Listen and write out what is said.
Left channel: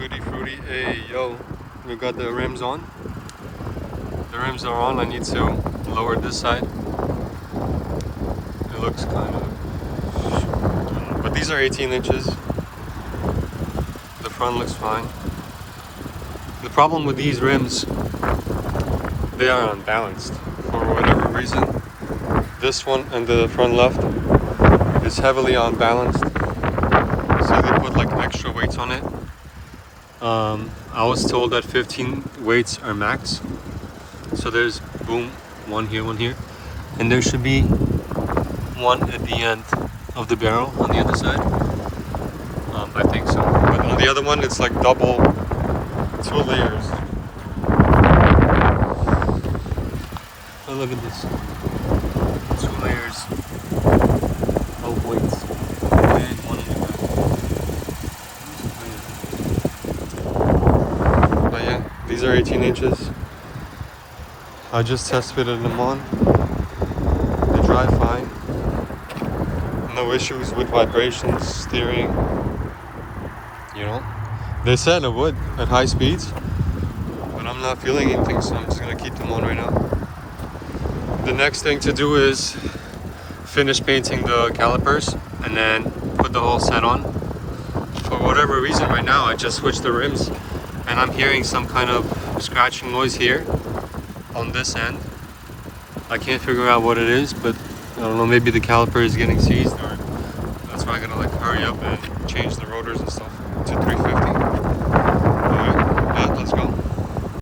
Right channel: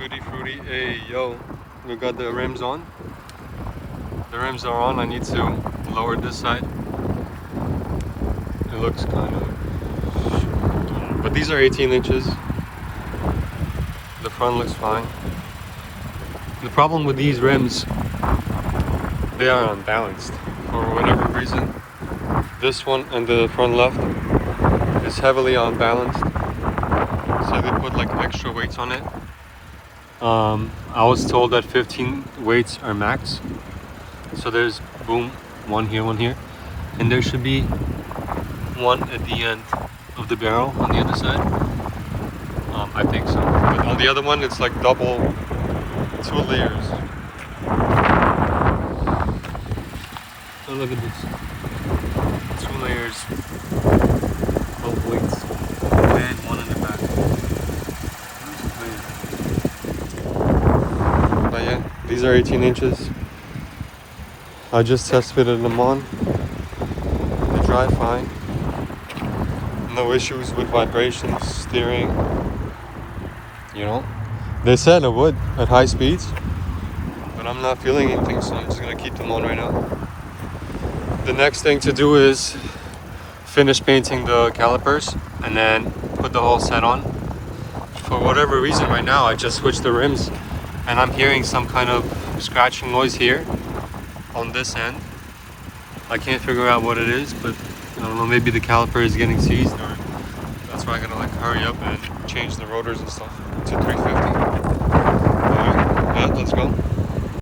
Goody fruity. Hey, yo, we got the rims on. The rims are on. I need to lower this side. It looks kind of, but these are 18 inches. The front looks fine. The problem with these rims, they are unbalanced for whatever reason. This one and the front left is heavily unbalanced, so they put like extra weights on it. I was told that 15 weights are max. So there's boom, one here, and there should be one at the end of the barrel on the other side. I think so. But on the other one, it's like double, 2 layers. Oh, look at this. 2 layers of weights and one in the back. But yeah, these are 18 inches. I just test fitted them on. They drive fine. No issues with vibrations, steering. You know, they said it would at high speeds, but I'm not feeling anything, so I'm just gonna keep them on right now. The next thing to do is finish painting the calipers and then put the whole set on. For whatever reason right now, I just switched the rims and I'm hearing some kind of scratching noise here on this end. I can't figure out what it is, but I don't know, maybe the caliper is getting seized, or that's why I'm gonna like hurry up and change the rotors and stuff to 350. Alright, yeah, let's go.